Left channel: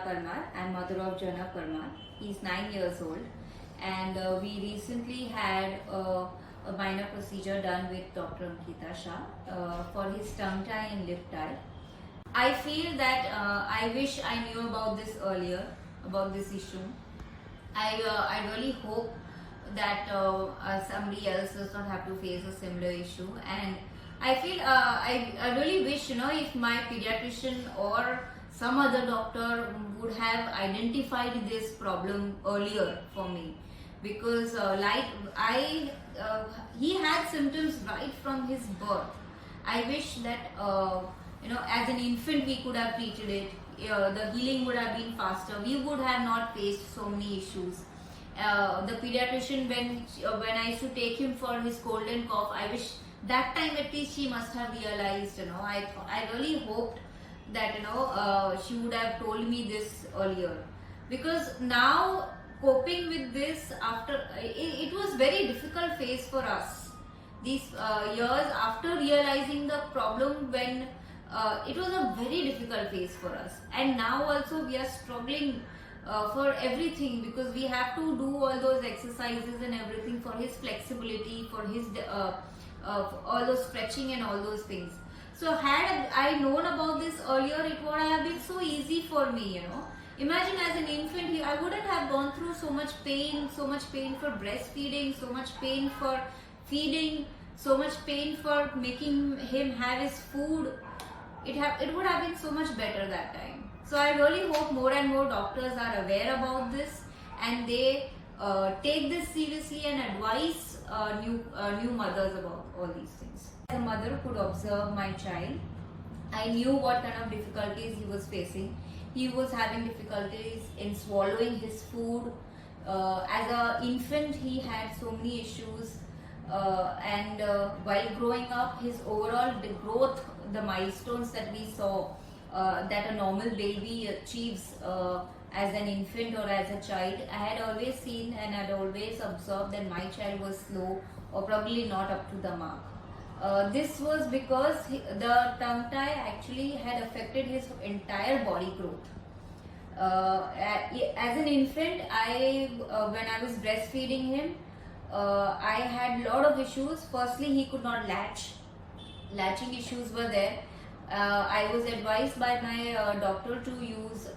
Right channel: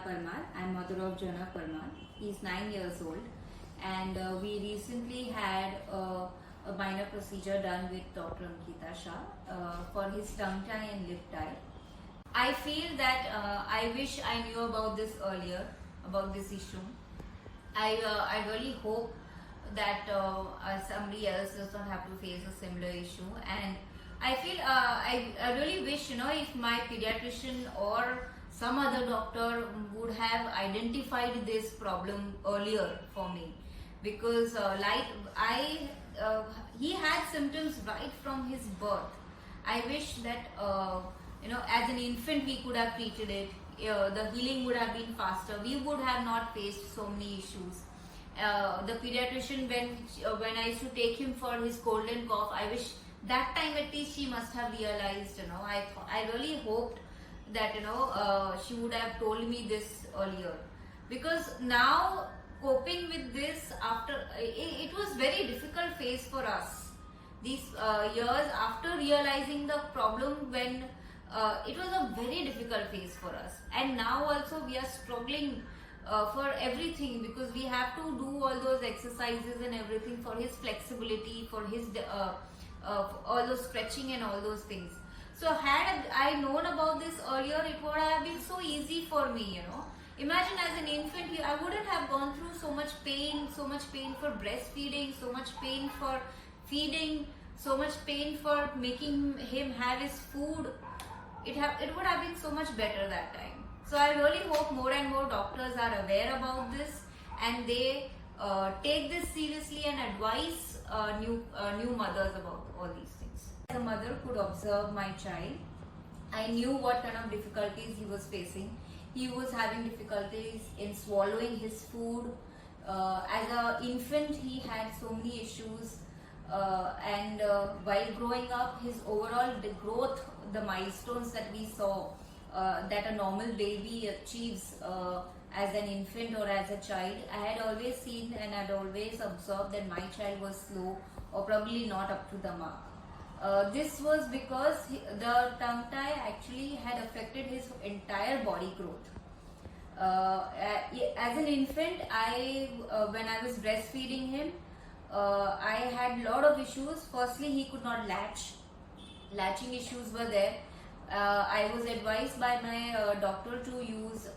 Jana Parmar. I'm mother of Jana Parmar. He's 9 years old, and we recently had a minor procedure done with Dr. Ankita Shah for his tongue tie and lip tie. I feel that I wish I knew about this earlier, about this issue. I really hope that somebody else does not have to face a similar issue, and I feel I really wish, if my pediatrician or some other doctor would have identified this problem earlier for me, because he had symptoms right from his birth. I wish that as an infant we could have treated it. The healing would have been faster. We would have not faced so many issues. The pediatrician, when I used to take him for his cold and cough, I wish that time at least she must have realized. I really hoped that she would have told me this earlier, because now coping with this after it was very difficult phase for us. These years after realizing the problem, when it was a very difficult phase for us, and now also we are struggling for everything, because we have to do all those exercises and everything for his flexibility, for his all those stretching and all those things. So had I known about this earlier, it would have been so easy for me. Imagine as an infant, I wouldn't have gone through so much pain for breastfeeding, so much pain for feeding, so much pain for making him have his food. It would have been so much better that time. So I really hope more and more doctors are aware about this, and they take this seriously and advise new mothers about all these things. As a mother could observe my child, I knew what kind of difficulties he was facing. He was having difficulties in swallowing his food. As an infant, he had so many issues, and while growing up, his overall growth, the milestones that we saw that a normal baby achieves as an infant or as a child, I had always seen and had always observed that my child was slow or probably not up to the mark. This was because the tongue tie actually had affected his entire body growth. As an infant, when I was breastfeeding him, I had a lot of issues. Firstly, he could not latch. Latching issues were there. I was advised by my doctor to use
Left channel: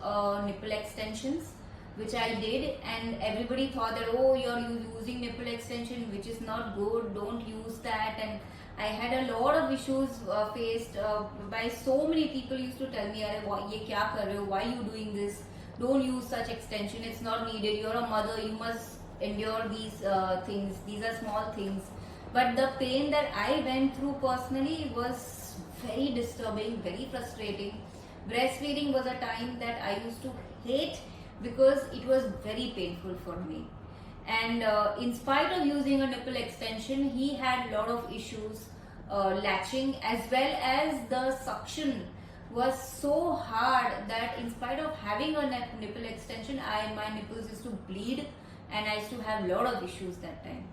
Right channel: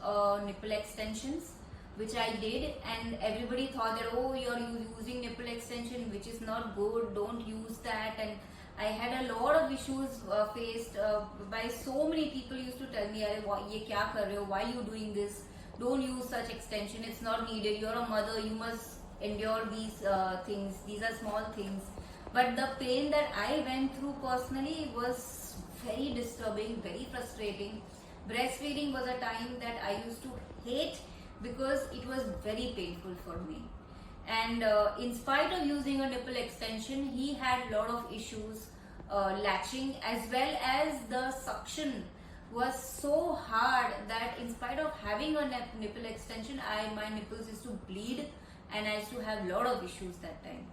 nipple extensions, which I did, and everybody thought that, oh, you're using nipple extension, which is not good, don't use that. And I had a lot of issues faced by so many people. Used to tell me, why are you doing this? Don't use such extension, it's not needed, you're a mother, you must endure these things, these are small things. But the pain that I went through personally was very disturbing, very frustrating. Breastfeeding was a time that I used to hate, because it was very painful for me. And in spite of using a nipple extension, he had a lot of issues latching, as well as the suction was so hard that in spite of having a nipple extension, my nipples used to bleed, and I used to have a lot of issues that time.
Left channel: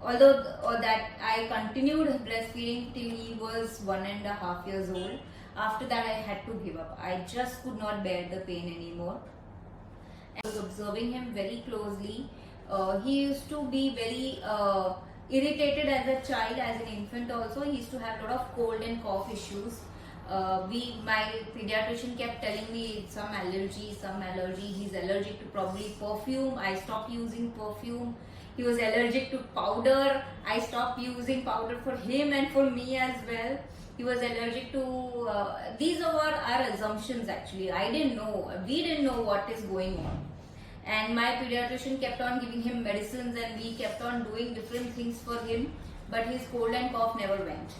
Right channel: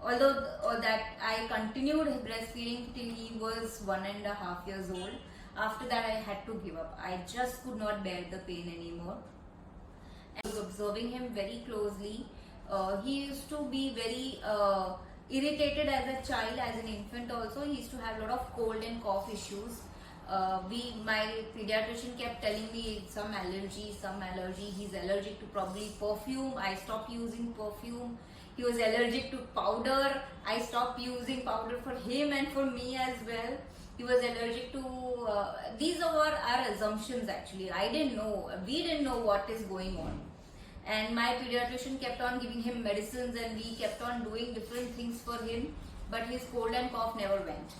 Although that I continued breastfeeding till he was 1.5 years old. After that, I had to give up. I just could not bear the pain anymore. I was observing him very closely. He used to be very irritated as a child, as an infant also. He used to have a lot of cold and cough issues. My pediatrician kept telling me some allergy. He's allergic to probably perfume. I stopped using perfume. He was allergic to powder. I stopped using powder for him and for me as well. He was allergic to, these are our assumptions actually. I didn't know, we didn't know what is going on. And my pediatrician kept on giving him medicines, and we kept on doing different things for him, but his cold and cough never went.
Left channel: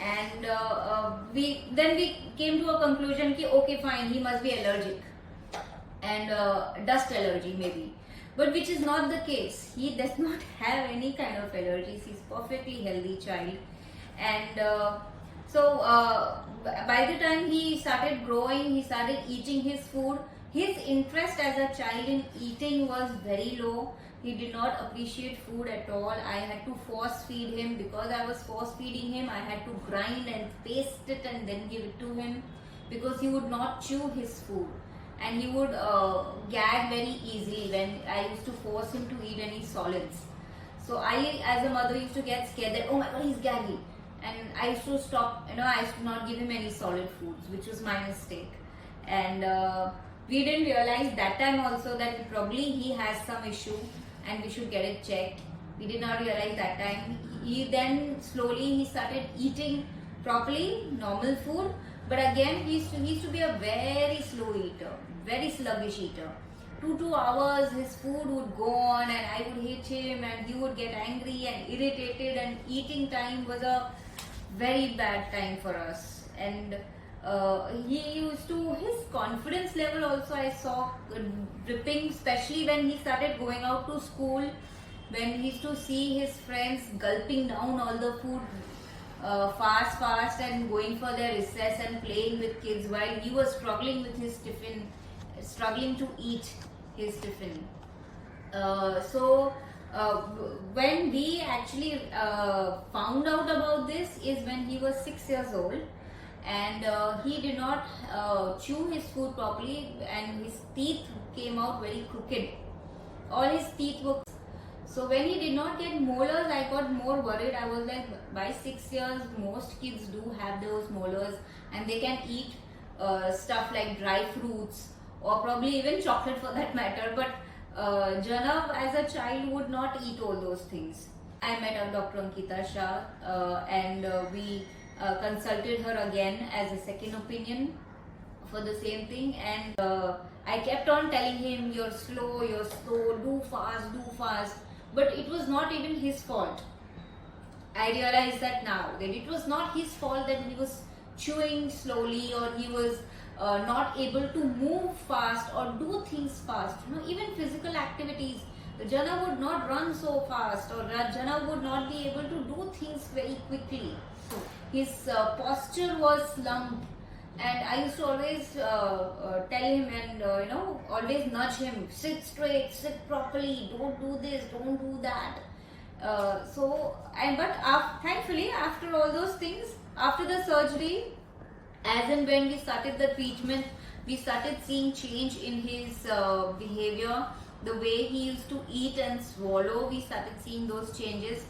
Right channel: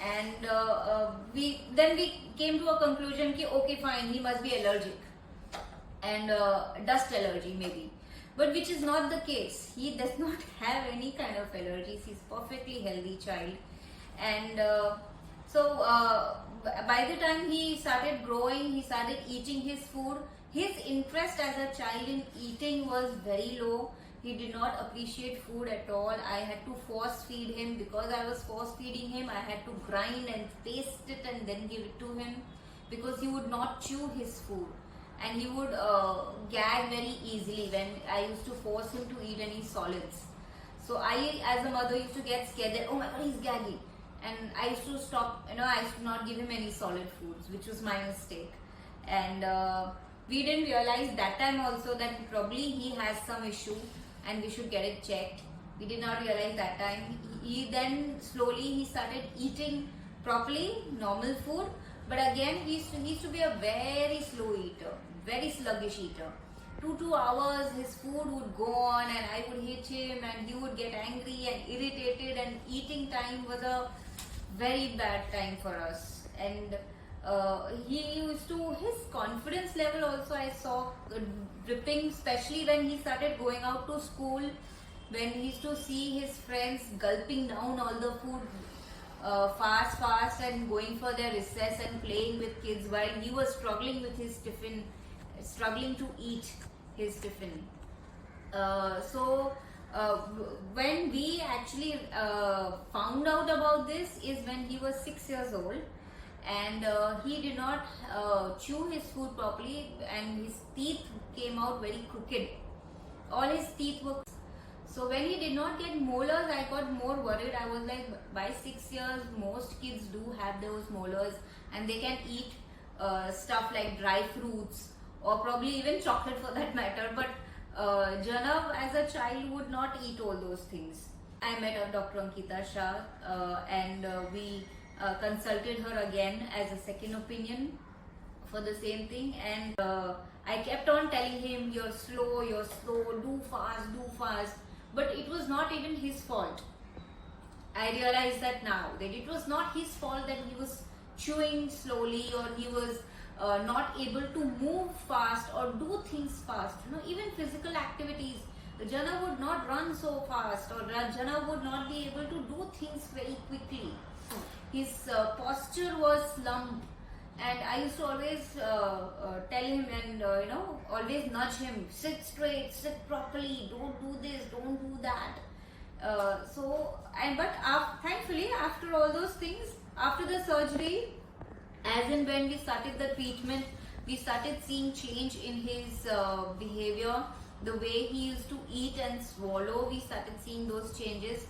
And we came to a conclusion that, okay, fine, he must be allergic, and dust allergy maybe. But which is not the case. He does not have any kind of allergies. He's perfectly healthy child. And by the time he started growing, he started eating his food. His interest as a child in eating was very low. He did not appreciate food at all. I had to force feed him. Because I was force feeding him, I had to grind and paste it and then give it to him. because he would not chew his food, and he would gag very easily when I used to force him to eat any solids. So I, as a mother, used to get scared that, oh my god, he's gagging, and I used to stop. I used to not give him any solid foods, which was my mistake. And we didn't realize that time also that probably he has some issue and we should get it checked. We did not realize that time. He then slowly he started eating properly, normal food. But again, he used to be a very slow eater, very sluggish eater. 2 hours his food would go on and I would hit him and he would get angry and irritated, and eating time was a very bad time for us. And he used to, his confidence level also I saw dripping, especially when he started going out to school, when he used to see his friends gulping down all the food fast and going for their recess and playing with kids while he was struggling with his tiffin, struggling to eat his tiffin. When we actually found out about this is when he was 6 years old, and he did not chew his food properly, and his teeth came out very crooked. All his teeth were. So when he did not get molars, I got more worried. I was like, by 6 years, most kids do have those molars, and they can eat stuff like dry fruits or probably even chocolate for that matter. But Janav as a child would not eat all those things. I met Dr. Ankita Shah and we consulted her again as a second opinion for the same thing, and I kept on telling him, you're slow, do fast. But it was not even his fault. I realized that now, that it was not his fault that he was chewing slowly, or he was not able to move fast or do things fast. Even physical activities, Jana would not run so fast, or Jana would not be able to do things very quickly. His posture was slumped, and I used to always tell him and always nudge him, sit straight, sit properly, don't do this, don't do that. Thankfully, after all those things, after the surgery, as and when we started the treatment, we started seeing change in his behavior, the way he used to eat and swallow. We started seeing those changes.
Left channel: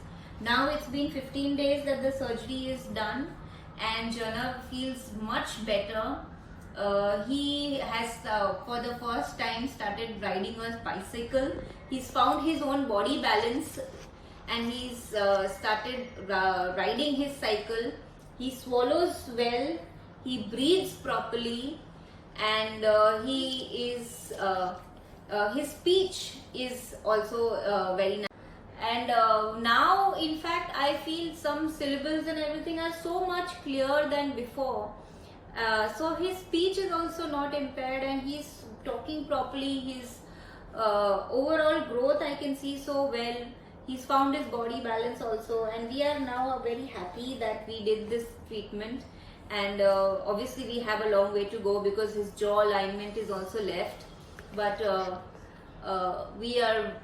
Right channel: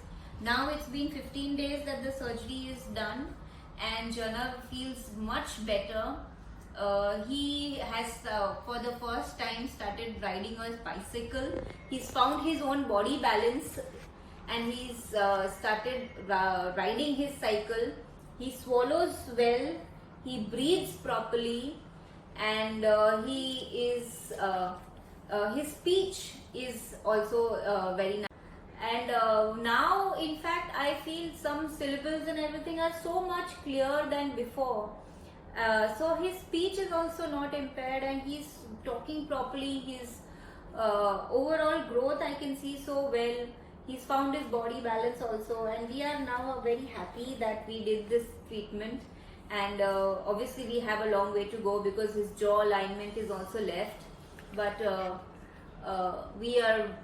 Now it's been 15 days that the surgery is done, and Jana feels much better. He has for the first time started riding a bicycle. He's found his own body balance, and he's started riding his cycle. He swallows well, he breathes properly, and his speech is also very nice. And now, in fact, I feel some syllables and everything are so much clearer than before. So his speech is also not impaired, and he's talking properly. His overall growth I can see so well. He's found his body balance also, and we are now very happy that we did this treatment. And obviously we have a long way to go because his jaw alignment is also left. But we are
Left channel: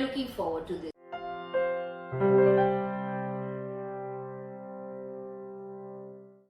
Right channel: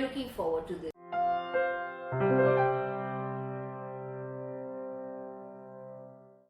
looking forward to this.